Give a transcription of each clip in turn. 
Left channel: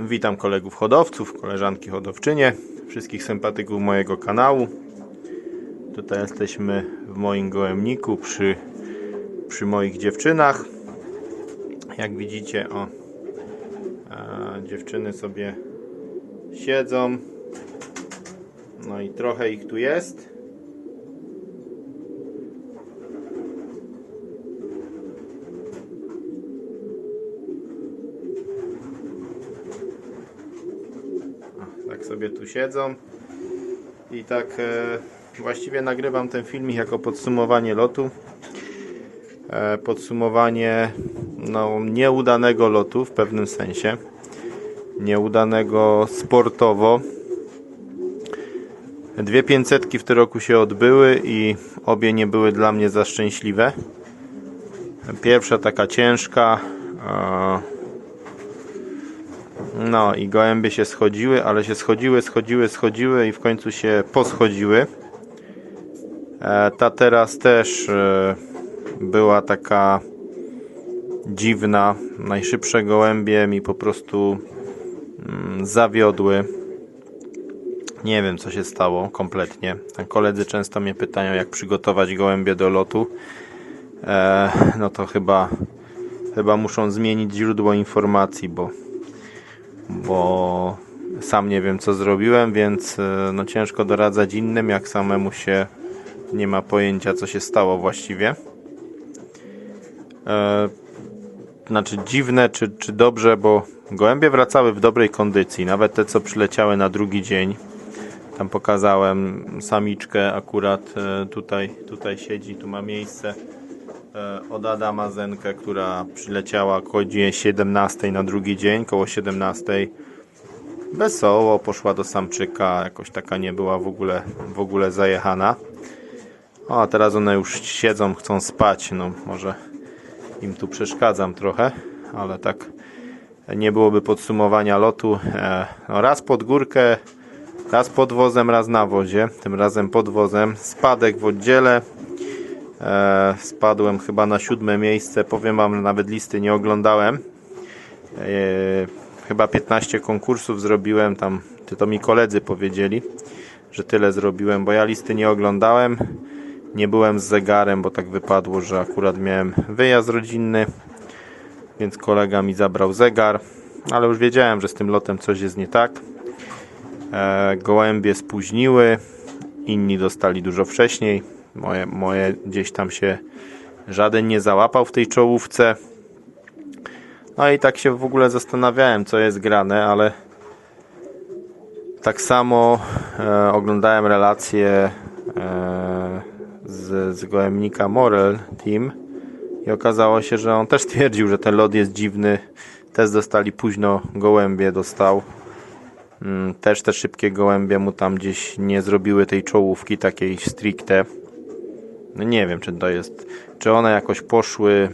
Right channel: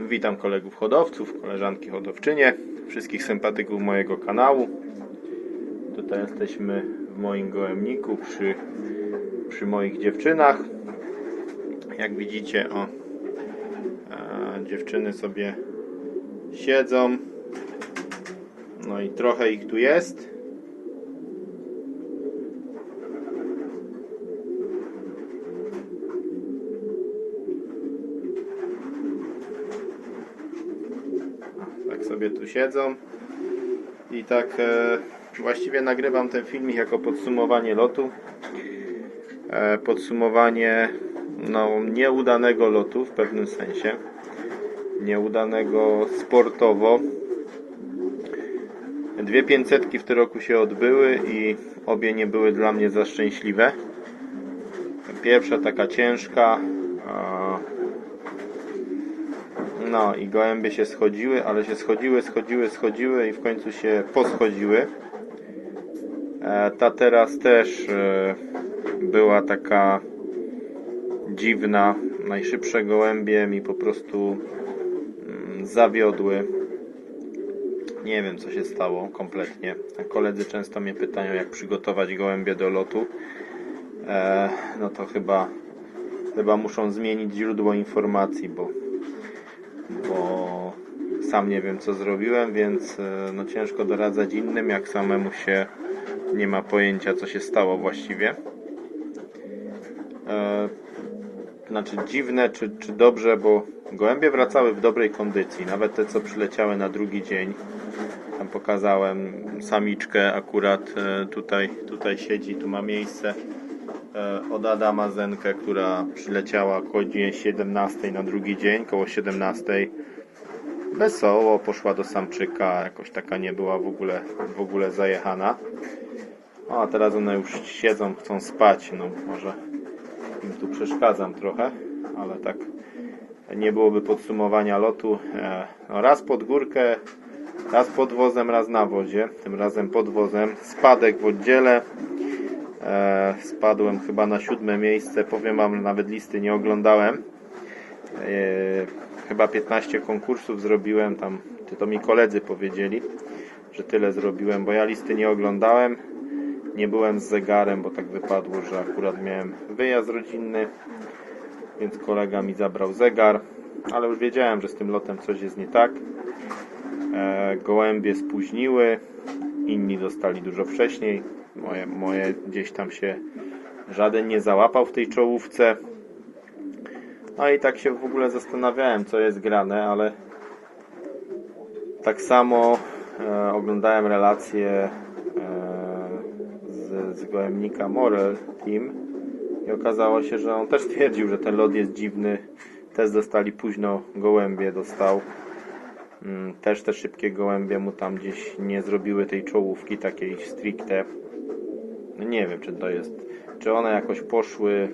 Witam kolegów hodowców, koleżanki hodowczynie, wszystkich sympatyków mojego kanału. Tutaj jesteśmy w moim gołębniku przy, przy moich dziewczynach. Jak widzicie, o, dziewczyny sobie siedzą. No i trochę ich tu jest. Sobie tu siedzą. I tak e, właściwie nagrywam ten filmik jako podsumowanie lotu. E, podsumowanie no, nieudanego lotu w pewnym sensie. Nieudanego sportowo. Dwie 500 w tym roku się odbyły i obie nie były dla mnie za szczęśliwe. Pierwsza taka ciężka e, no i gołębie się schodziły, ale się schodziły, schodziły, schodziły i w końcu się poschodziły. E, ta teraz też e, była taka dziwna. Najszybsze gołębie mi po prostu mm, zawiodły. Nie wiem co się stało kompletnie. Koledzy często mnie pytają jak przygotować gołębie do lotu. E, no to chyba chyba muszą zmienić źródło informacji, bo bo sam nie wiem co zrobiłem, więc e, no ciężko doradzać innym, jak samemu się nie ma pojęcia co się stało właściwie. E, znaczy dziwne czy, czy dobrze, bo gołębie wracały w dobrej kondycji, nawet te co przyleciały na drugi dzień. Tam pokazałem samiczkę akurat e, tutaj, tutaj siedzi, tu ma miejsce od Adama Zenkę, która przyleciała koło godzinie 17 na drugi dzień, koło 17. Wesoło poszła do samczyka, jakoś taka nie była w ogóle, w ogóle zajechana. O, a teraz one już siedzą, chcą spać, no może im tu przeszkadzam trochę, ale tak nie byłoby podsumowania lotu. E, no raz pod górkę, raz pod wozem, raz na wozie, tym razem pod wozem. Spadek w oddziele. E, spadłem chyba na siódme miejsce. Powiem wam, nawet listy nie oglądałem. E, chyba 15 konkursów zrobiłem tam. To, mi koledzy powiedzieli, że tyle zrobiłem, bo ja listy nie oglądałem. Nie byłem z zegarem, bo tak wypadło, że akurat miałem wyjazd rodzinny, więc kolega mi zabrał zegar, ale już wiedziałem, że z tym lotem coś jest nie tak. E, gołębie spóźniły, inni dostali dużo wcześniej. Moje, moje gdzieś tam się żaden nie załapał w tej czołówce. No i tak się w ogóle zastanawiałem, co jest grane, ale tak samo e, oglądałem relacje e, z, z Morel Team i okazało się, że on też twierdził, że ten lot jest dziwny. Też dostali późno gołębie, dostał. Mm, Też te szybkie gołębie mu tam gdzieś nie zrobiły tej czołówki takiej stricte. No nie wiem, czy to jest, czy one jakoś poszły,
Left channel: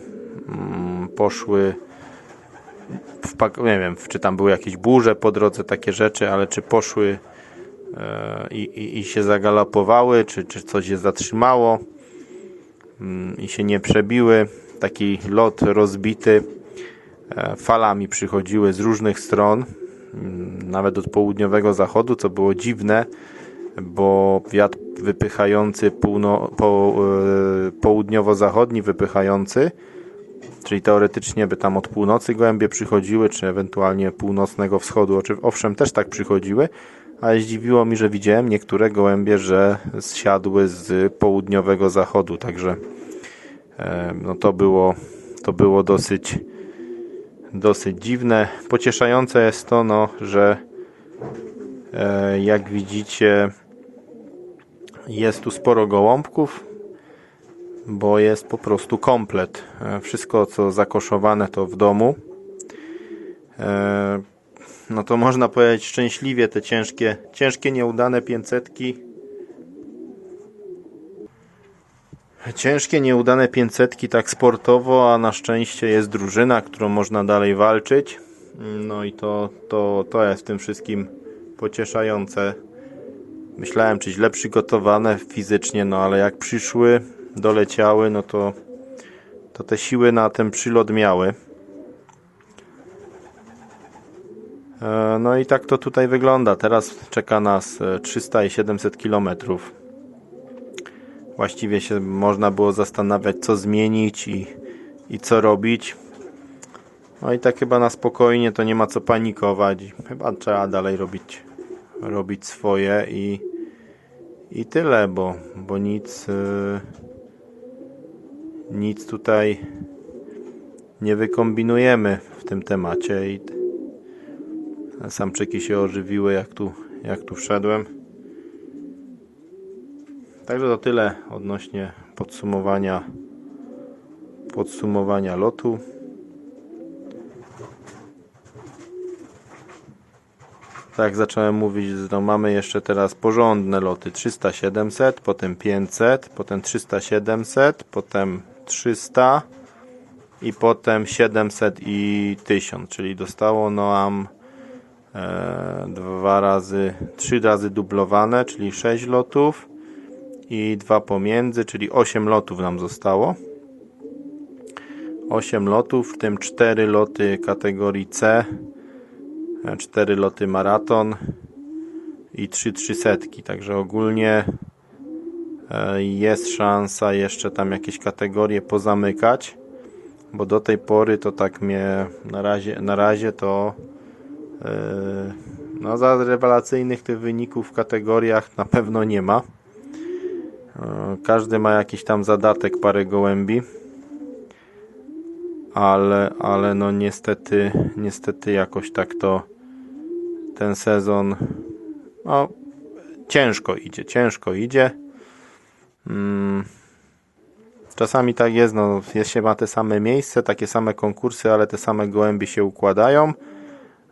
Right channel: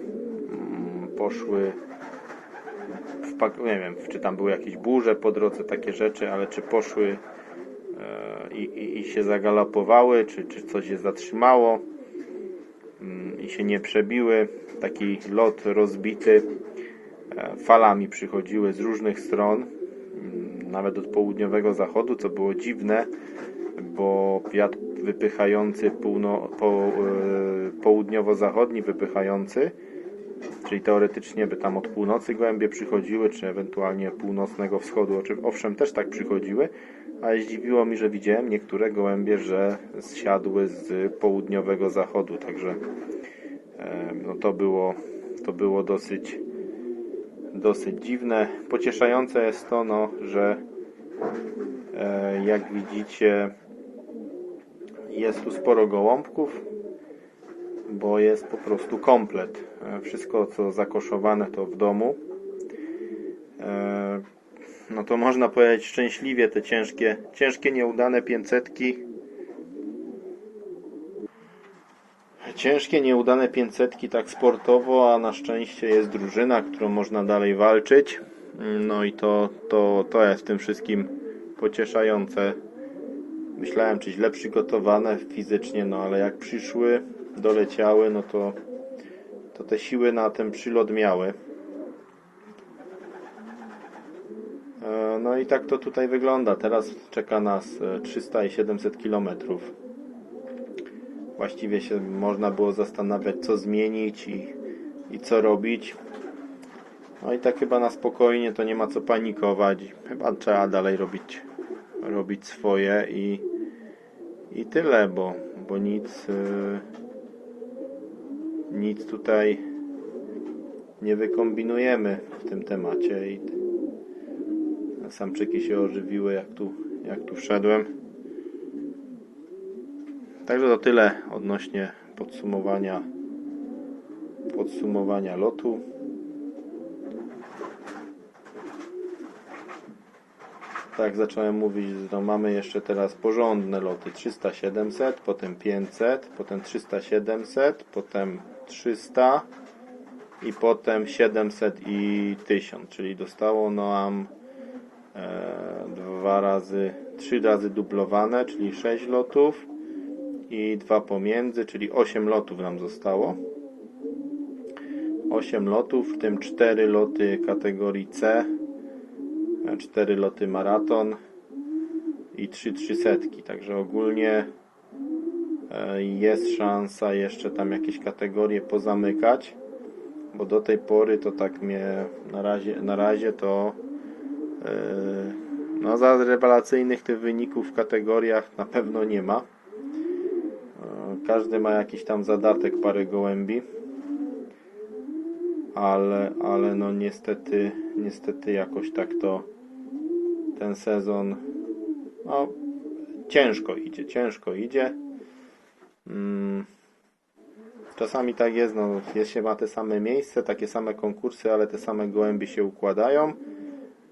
mm, poszły, w, nie wiem, czy tam były jakieś burze po drodze, takie rzeczy, ale czy poszły e, i, i, i się zagalopowały, czy, czy coś je zatrzymało mm, i się nie przebiły. Taki lot rozbity, e, falami przychodziły z różnych stron, mm, nawet od południowego zachodu, co było dziwne, bo wiatr wypychający półno, po, e, południowo-zachodni wypychający, czyli teoretycznie by tam od północy gołębie przychodziły, czy ewentualnie północnego wschodu, owszem też tak przychodziły, ale zdziwiło mi, że widziałem niektóre gołębie, że zsiadły z południowego zachodu, także e, no to było, to było dosyć dosyć dziwne. Pocieszające jest to, no, że e, jak widzicie jest tu sporo gołąbków, bo jest po prostu komplet. E, Wszystko co zakoszowane to w domu. E, No to można powiedzieć szczęśliwie te ciężkie, ciężkie nieudane 500 Ciężkie, nieudane 500 tak sportowo, a na szczęście jest drużyna, którą można dalej walczyć. No i to, to, to jest w tym wszystkim pocieszające. Myślałem, czy źle przygotowane fizycznie, no ale jak przyszły, doleciały, no to, to te siły na ten przylot miały. E, No i tak to tutaj wygląda. Teraz czeka nas e, 300 i 700 kilometrów. Właściwie się można było zastanawiać, co zmienić i, i co robić. No i tak chyba na spokojnie to nie ma co panikować. Chyba trzeba dalej robić, robić swoje i, i tyle, bo, bo nic, y, nic tutaj nie wykombinujemy w tym temacie i samczyki się ożywiły jak tu, jak tu wszedłem. Także to tyle odnośnie podsumowania podsumowania lotu. Tak jak zacząłem mówić, no mamy jeszcze teraz porządne loty 300-700, potem 500, potem 300-700, potem 300 i potem 700 i 1000, czyli dostało nam e, dwa razy, trzy razy dublowane, czyli 6 lotów i dwa pomiędzy, czyli 8 lotów nam zostało. 8 lotów, w tym 4 loty kategorii C, 4 loty maraton i 3 trzysetki. Także ogólnie e, jest szansa jeszcze tam jakieś kategorie pozamykać, bo do tej pory to tak mnie na razie, na razie to e, no za rewelacyjnych tych wyników w kategoriach na pewno nie ma. E, Każdy ma jakiś tam zadatek parę gołębi ale, ale no niestety, niestety jakoś tak to ten sezon no, ciężko idzie, ciężko idzie. Mm. Czasami tak jest, no, jest się ma te same miejsce, takie same konkursy, ale te same gołębie się układają,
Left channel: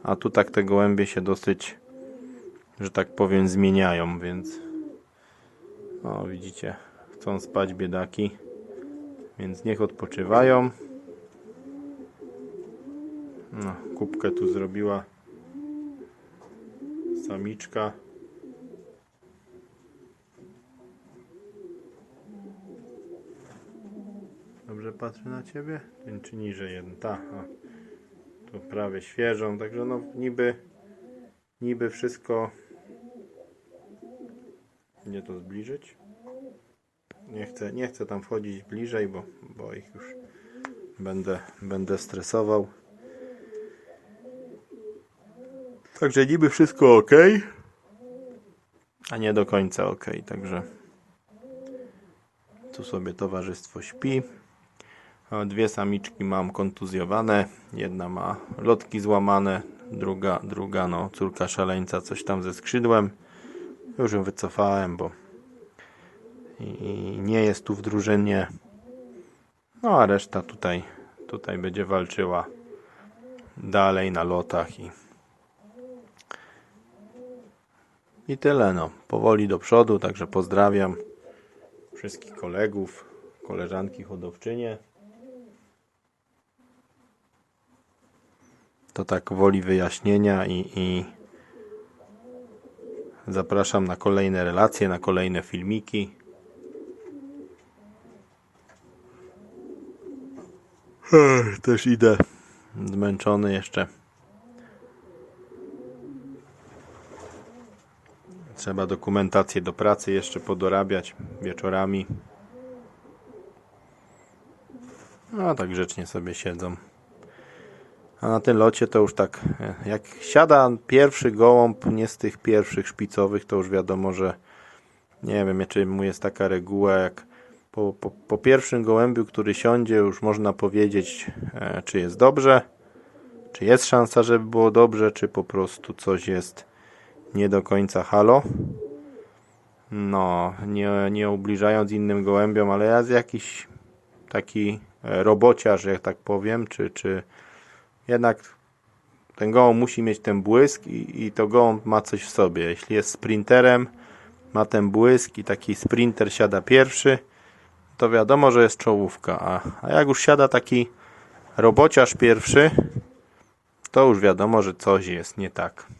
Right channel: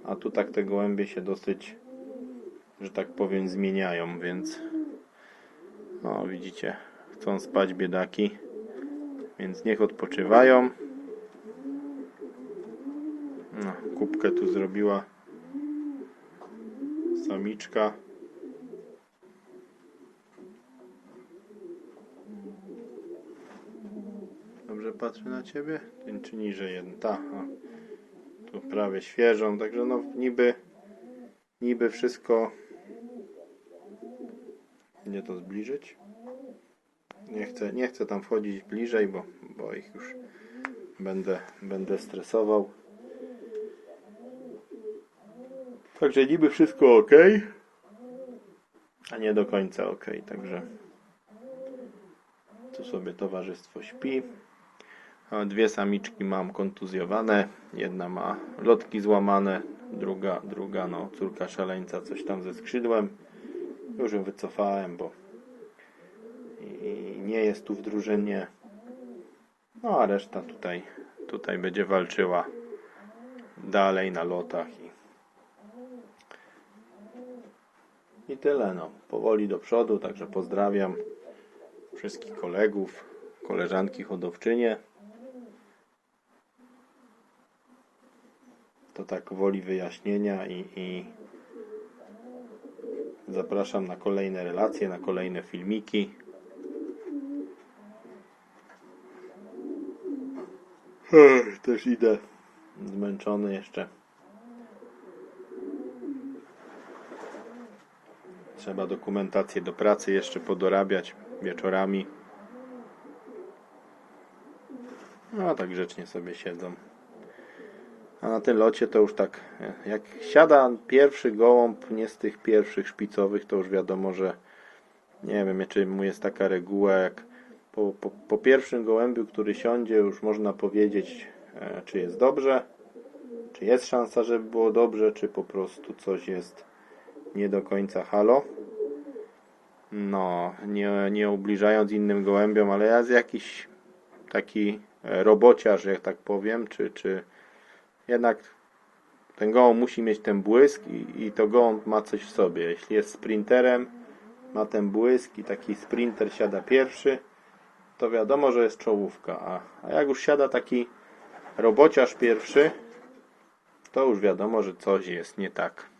a tu tak te gołębie się dosyć, że tak powiem, zmieniają, więc no widzicie, chcą spać biedaki, więc niech odpoczywają. No, kubkę tu zrobiła samiczka. Dobrze patrzę na ciebie? Ten czy niżej jeden? Ta. Tu prawie świeżą, także no niby niby wszystko nie to zbliżyć. Nie chcę, nie chcę tam wchodzić bliżej, bo, bo ich już będę, będę stresował. Także niby wszystko ok, a nie do końca ok. Także tu sobie towarzystwo śpi. Dwie samiczki mam kontuzjowane. Jedna ma lotki złamane, druga, druga no córka szaleńca coś tam ze skrzydłem. Już ją wycofałem, bo i nie jest tu w drużynie. No a reszta tutaj, tutaj będzie walczyła dalej na lotach i I tyle, no. Powoli do przodu, także pozdrawiam wszystkich kolegów, koleżanki hodowczynie. To tak woli wyjaśnienia i, i zapraszam na kolejne relacje, na kolejne filmiki. Też idę zmęczony jeszcze. Trzeba dokumentację do pracy jeszcze podorabiać wieczorami. No tak grzecznie sobie siedzą. A na tym locie to już tak, e, jak siada pierwszy gołąb, nie z tych pierwszych szpicowych, to już wiadomo, że nie wiem, czy mu jest taka reguła, jak po, po, po pierwszym gołębiu, który siądzie, już można powiedzieć, e, czy jest dobrze, czy jest szansa, żeby było dobrze, czy po prostu coś jest nie do końca halo. No, nie, nie ubliżając innym gołębiom, ale ja z jakiś taki e, robociarz, jak tak powiem, czy, czy jednak ten gołąb musi mieć ten błysk i, i to gołąb ma coś w sobie. Jeśli jest sprinterem, ma ten błysk i taki sprinter siada pierwszy, to wiadomo, że jest czołówka. A, a jak już siada taki robociarz pierwszy, to już wiadomo, że coś jest nie tak.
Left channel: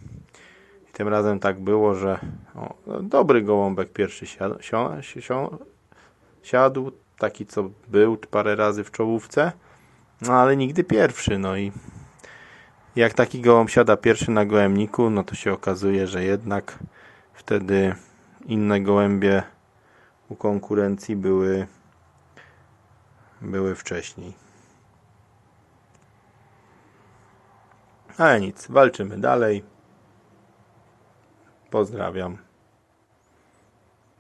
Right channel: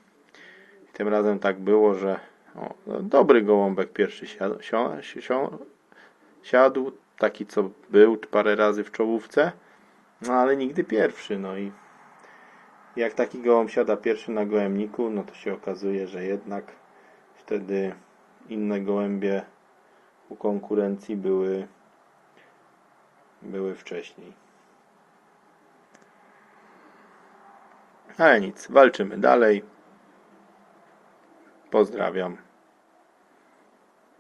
Tym razem tak było, że o, no, dobry gołąbek pierwszy siadł, si- si- siadł, taki co był parę razy w czołówce, no ale nigdy pierwszy, no i Jak taki gołąb siada pierwszy na gołębniku, no to się okazuje, że jednak wtedy inne gołębie u konkurencji były, były wcześniej. Ale nic, walczymy dalej. Pozdrawiam.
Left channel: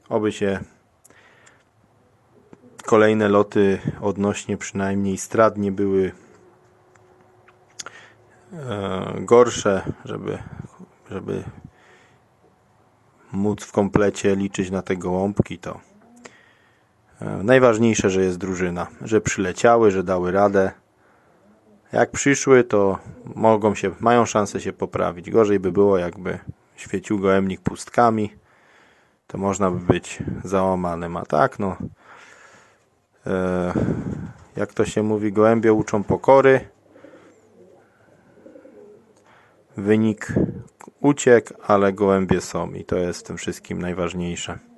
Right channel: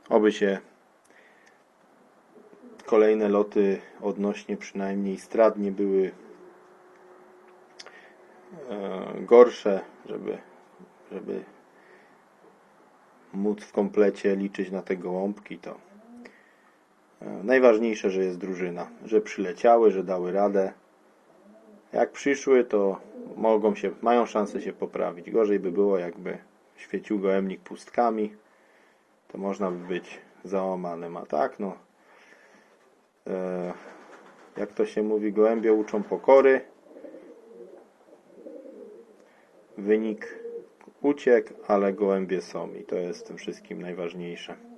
Oby się kolejne loty odnośnie przynajmniej strat nie były e, gorsze, żeby, żeby móc w komplecie liczyć na te gołąbki, to e, najważniejsze, że jest drużyna, że przyleciały, że dały radę. Jak przyszły, to mogą się, mają szansę się poprawić. Gorzej by było, jakby świecił gołębnik pustkami, to można by być załamanym. A tak, no, e, jak to się mówi, gołębie uczą pokory. Wynik uciekł, ale gołębie są i to jest w tym wszystkim najważniejsze.